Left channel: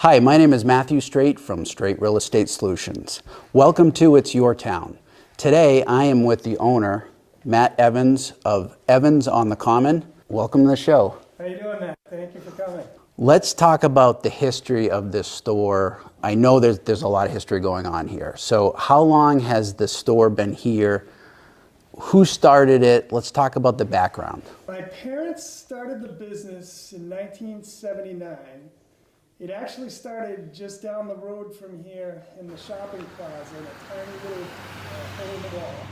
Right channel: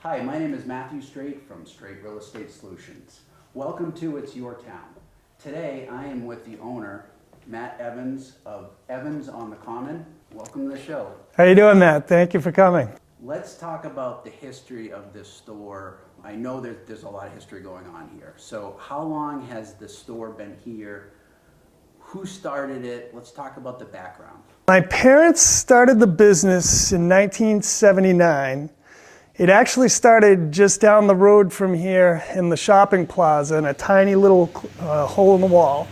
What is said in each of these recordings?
Hi, my name is Matthew Straight from Straight Real Estate Solutions. Welcome to It's Your Town. Today I am with the owner, Matt Evans of Evans on the Common. Welcome to the show. How you doing, Matt? Thank you for coming. Let's talk about the history of this store. I know there's a lot of history going on here. So how long has the store been here? Who started it? Let's talk about the background. My parents started the business in 1979. It actually started just down the road from here in the shopping plaza in a tiny little hole in the wall.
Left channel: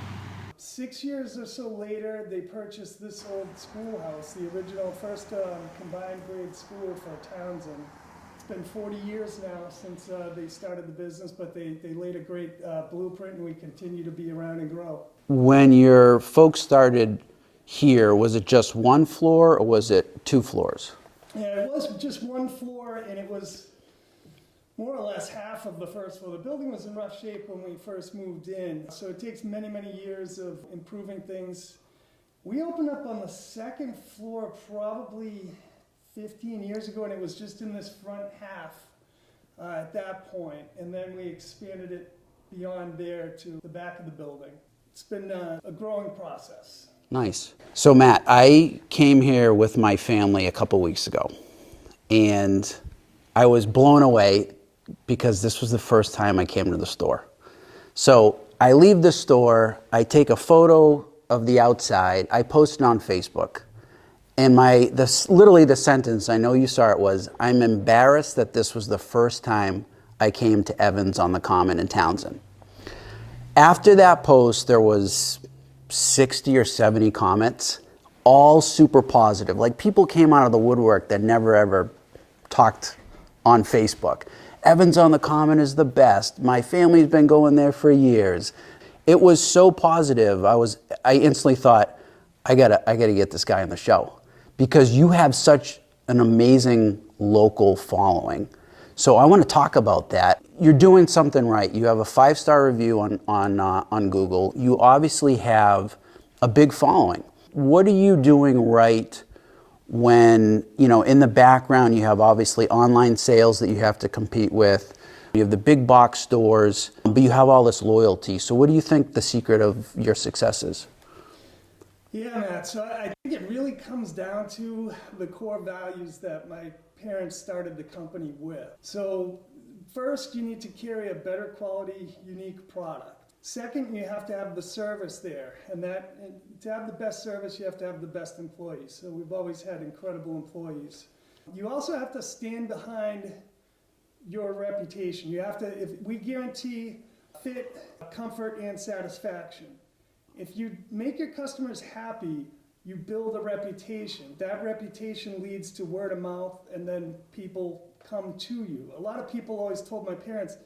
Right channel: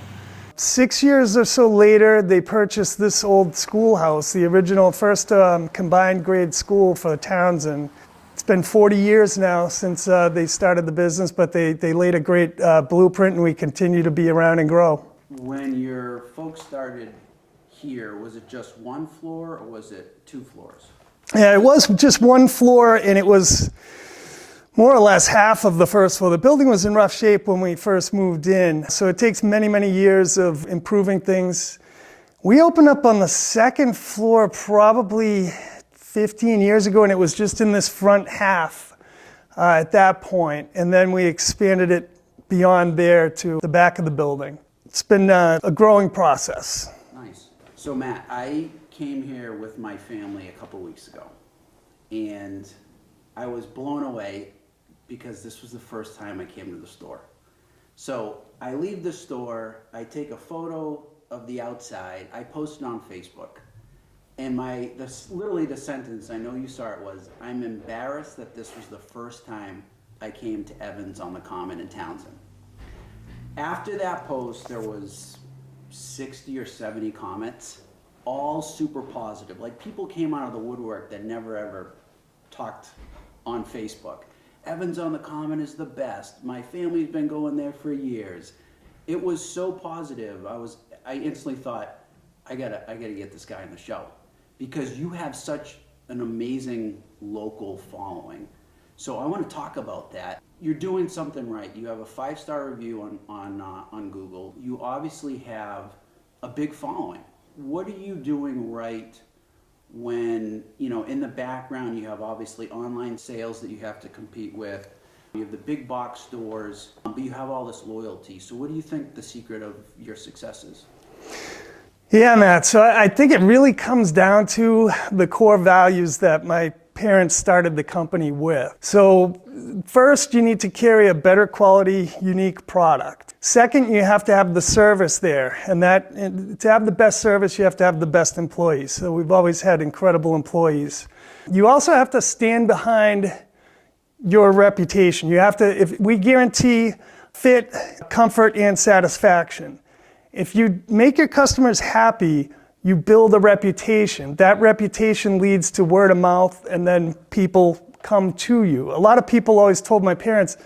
6 years or so later, they purchased this old schoolhouse, the original first combined grade school for Townsend. It's been 40 years now since they started the business, but they laid a great blueprint and we continue to be around and grow. When your folks started here, was it just one floor or was it two floors? Yeah, it was just one floor and it was more or less half of the first floor. The building was in rough shape when we first moved in, so it takes many, many years of improving things. We opened up on the second floor probably 15 years ago and it was just in this front half at that point, and then we expanded it beyond there to the back of the building. It's been a growing process. Nice. So Matt, I came here with my family a couple weeks ago and I was blown away because this was the first time I came to the store. So I leave the store, I take a photo of the outside, I post it on Facebook, and literally the sentence, I know you saw it, was, "I'm embarrassed that this was the first time I came to Evans on the Common in Townsend." After that post, there was 60 or 70 comments, all super positive. Like, people came out of the woodwork that never ever talked on Facebook. Evans on the Common is the best. My family's been going there for years. It was so positive. I instantly thought, I gotta get this guy on the show because you have such an amazing local following. So I want to talk about that. You're doing something right. You have a 5-star review on Google. You obviously have a big following. What are you doing right when, in the background you have obviously online sales that you have to compete with. You have the big box stores, but you have all this loyalty. So what do you think the secret of your success is? Yeah, Matt, so I think it really comes down to the core values that my parents started the company with. So first, you need to carry a better quality, unique product. Second, you have to have the service there, and to have the best service, you have to have the best employees. So we've always had incredible employees. You also have to stand behind your reputation. If we guarantee fit, comfort, and satisfaction. If you make your customers happy, you build a reputation. That reputation leads to word of mouth, and then people come to you. A lot of people always told my parents,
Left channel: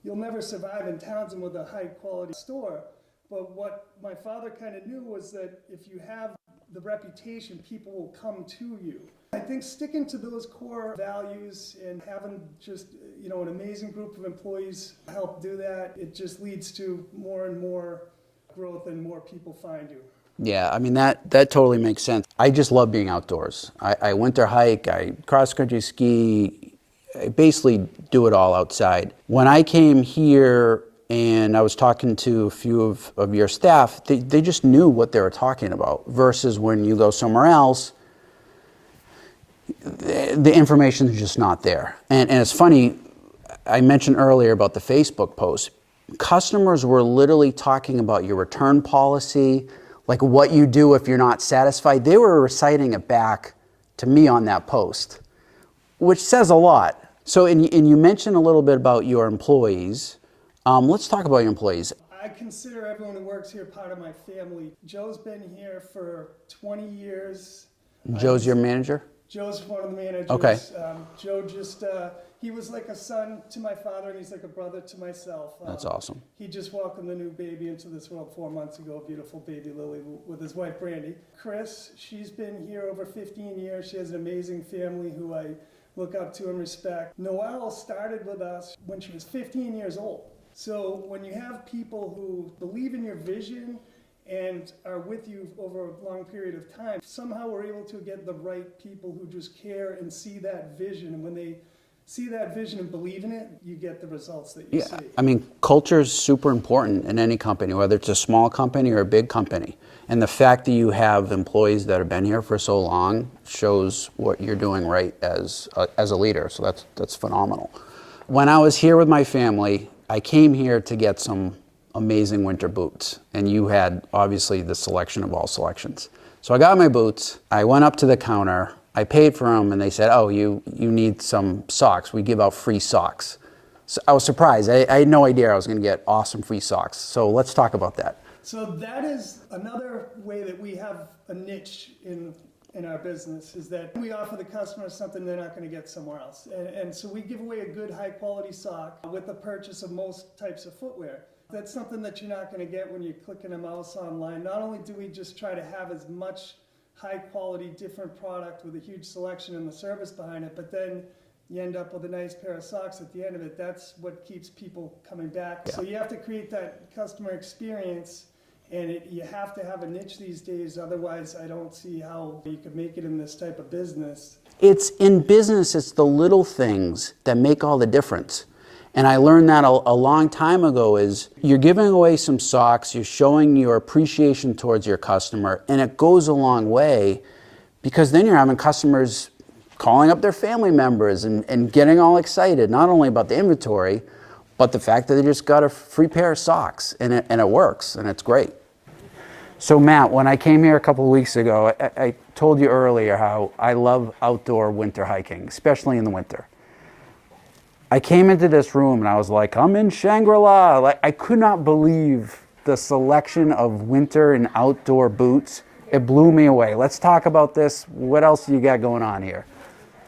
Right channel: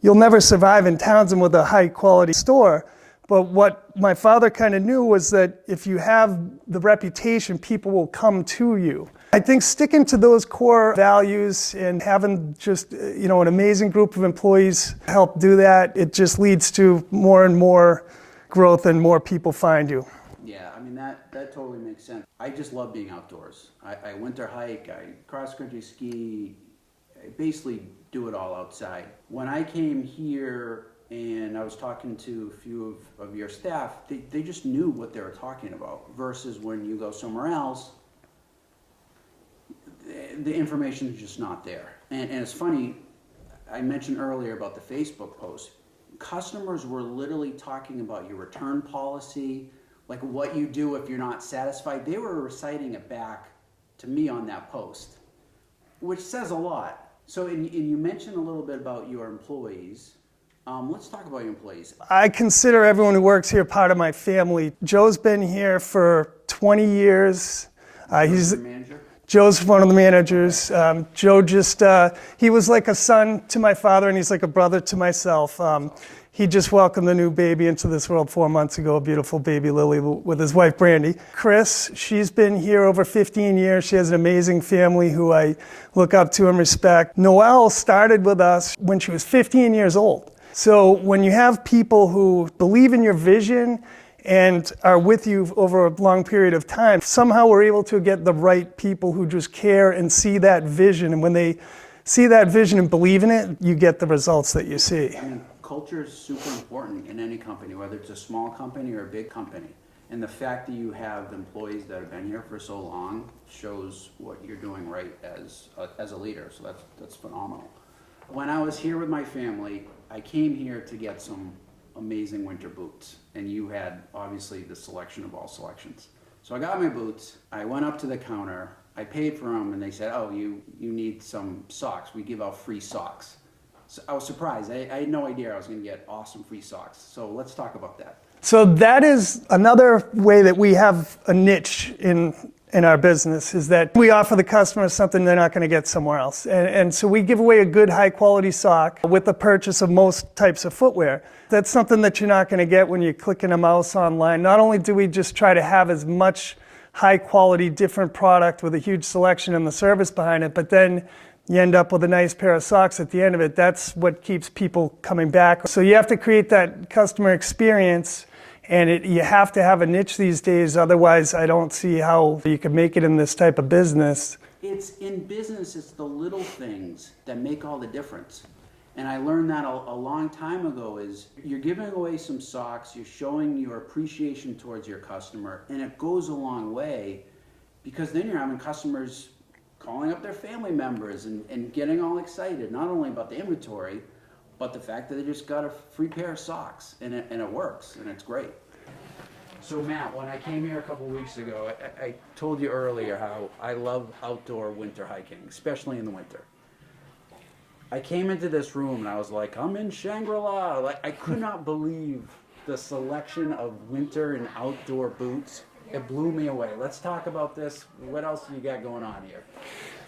"You'll never survive in Townsend with a high quality store." But what my father kind of knew was that if you have the reputation, people will come to you. I think sticking to those core values and having just an amazing group of employees help do that, it just leads to more and more growth and more people find you. Yeah, I mean, that totally makes sense. I just love being outdoors. I winter hike, I cross-country ski, I basically do it all outside. When I came here and I was talking to a few of your staff, they just knew what they were talking about, versus when you go somewhere else, the information is just not there. And it's funny, I mentioned earlier about the Facebook post. Customers were literally talking about your return policy, like what you do if you're not satisfied. They were reciting it back to me on that post, which says a lot. So, and you mentioned a little bit about your employees. Let's talk about your employees. I consider everyone who works here part of my family. Joe's been here for 20 years. Joe's your manager? Joe's one of the managers. Okay. Joe he was like a son to my father and he's like a brother to myself. That's awesome. He just welcomed a new baby into this world 4 months ago, a beautiful baby Lily with his wife Brandy. Chris, she's been here over 15 years. She has an amazing family who I look up to and respect. Noelle started with us when she was 15 years old. So when you have people who believe in your vision and are with you over a long period of time, somehow we're able to get the right people who just care and see that vision. And when they see that vision and believe in it, you get the results that you see. I mean, culture is super important in any company, whether it's a small company or a big company. And the fact that you have employees that have been here for so long shows what you're doing right as a leader. So that's phenomenal. When I was here with my family, I came here to get some amazing winter boots. And you had obviously the selection of all selections. So I got my boots, I went up to the counter, I paid for them, and they said, oh, you need some socks. We give out free socks. So I was surprised. I had no idea I was going to get awesome free socks. So let's talk about that. So that is another way that we have a niche in our business, is that we offer the customer something they're not going to get somewhere else. And so we give away a good high quality sock with the purchase of most types of footwear. That's something that you're not going to get when you're clicking a mouse online. Not only do we just try to have as much high quality different product with a huge selection and the service behind it, but then you end up with a nice pair of socks at the end of it. That's what keeps people coming back. So you have to create that customer experience, and you have to have a niche these days. Otherwise, I don't see how you can make it in this type of business. It's in business, it's the little things that make all the difference. And I learned that a long time ago is you're giving away some socks, you're showing your appreciation towards your customer, and it goes a long way, because then you're having customers calling up their family members and getting all excited, not only about the inventory, but the fact that they just got a free pair of socks, and it works, and it's great. So Matt, when I came here a couple of weeks ago, I told you earlier how I love outdoor winter hiking, especially in the winter. I came into this room and I was like, I'm in Shangri-La. Like, I could not believe the selection of winter and outdoor boots. It blew me away. Let's talk about this. What else do you got going on here?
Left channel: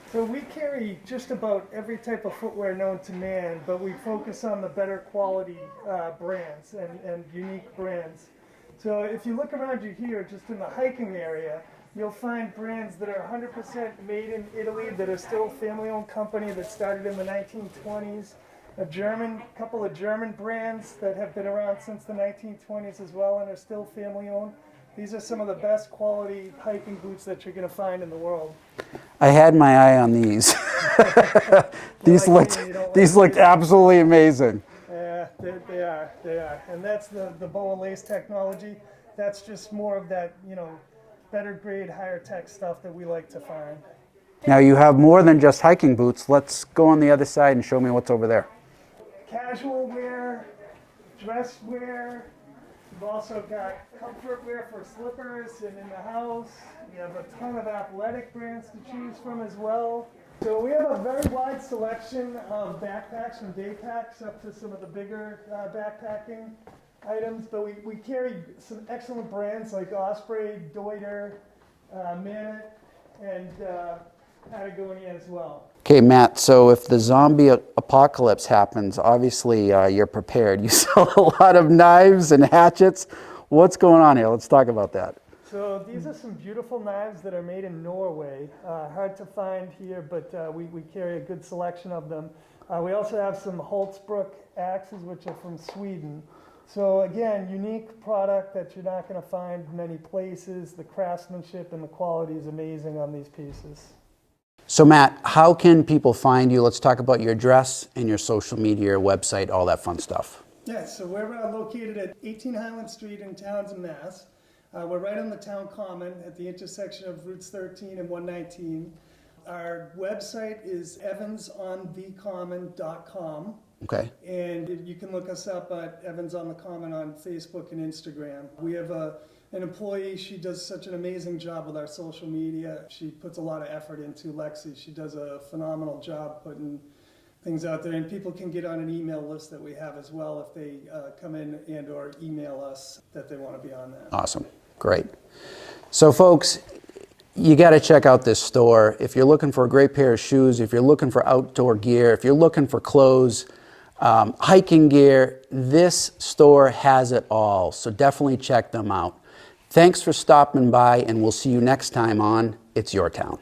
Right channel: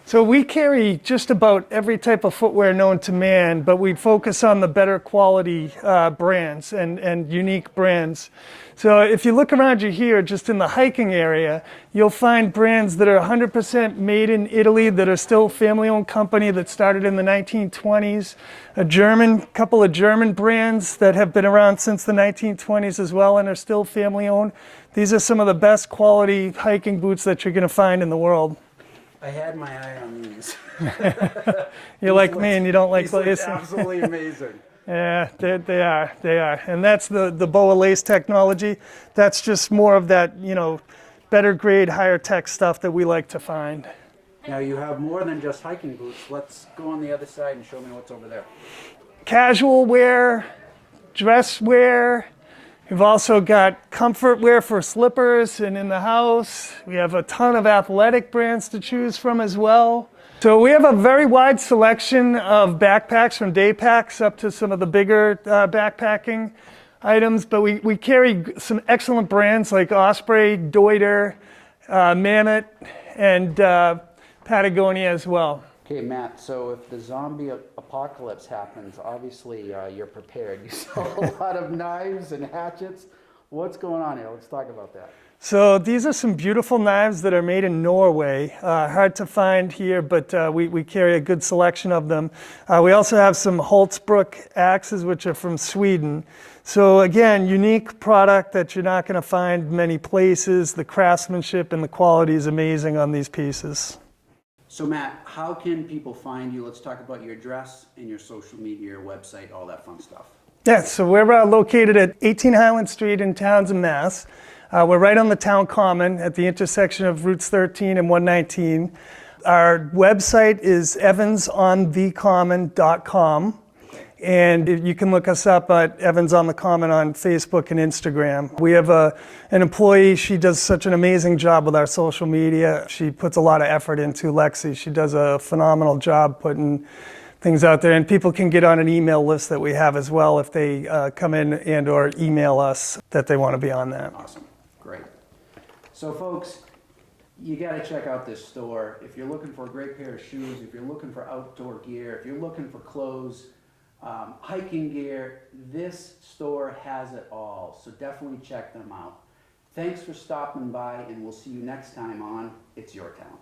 So we carry just about every type of footwear known to man, but we focus on the better quality brands and unique brands. So if you look around you here, just in the hiking area, you'll find brands that are 100% made in Italy, that are still family-owned company that started in the 1920s. Couple of German brands that have been around since the 1920s as well and are still family-owned. These are some of the best quality hiking boots that you're going to find in the world. I had my eye on these. You're like me and you don't like these look absolutely amazing. Yeah, they are. And that's the BOA lace technology. That's just more of that, better grade, higher tech stuff that we like to find. Now you have more than just hiking boots. Let's go on the other side and show me what's over there. Casual wear, dress wear. We've also got comfort wear for slippers and in the house. We have a ton of athletic brands to choose from as well. So we have a very wide selection of backpacks, from day packs up to some of the bigger backpacking items, but we carry some excellent brands like Osprey, Deuter, Mammoth, and Patagonia as well. Okay, Matt, so if the zombie apocalypse happens, obviously you're prepared. You sell a lot of knives and hatchets. What's going on here? Let's talk about that. So these are some beautiful knives that are made in Norway. Hard to find here, but we carry a good selection of them. We also have some Holtzbrook axes, which are from Sweden. So again, unique product that you're not going to find many places. The craftsmanship and the quality is amazing on these pieces. So Matt, how can people find you? Let's talk about your address and your social media, your website, all that fun stuff. Yeah, so we're located at 18 Highland Street in Townsend, Mass. We're right on the town common at the intersection of Routes 13 and 119. Our website is evansonthecommon.com. Okay. And you can look us up at Evans on the Common on Facebook and Instagram. We have an employee. She does such an amazing job with our social media. She puts a lot of effort into Lexi. She does a phenomenal job putting things out there. And people can get on an email list that we have as well if they come in and or email us that they want to be on that. Awesome. Great. So folks, you got to check out this store. If you're looking for a great pair of shoes, if you're looking for outdoor gear, if you're looking for clothes, hiking gear, this store has it all. So definitely check them out. Thanks for stopping by, and we'll see you next time on It's Your Town.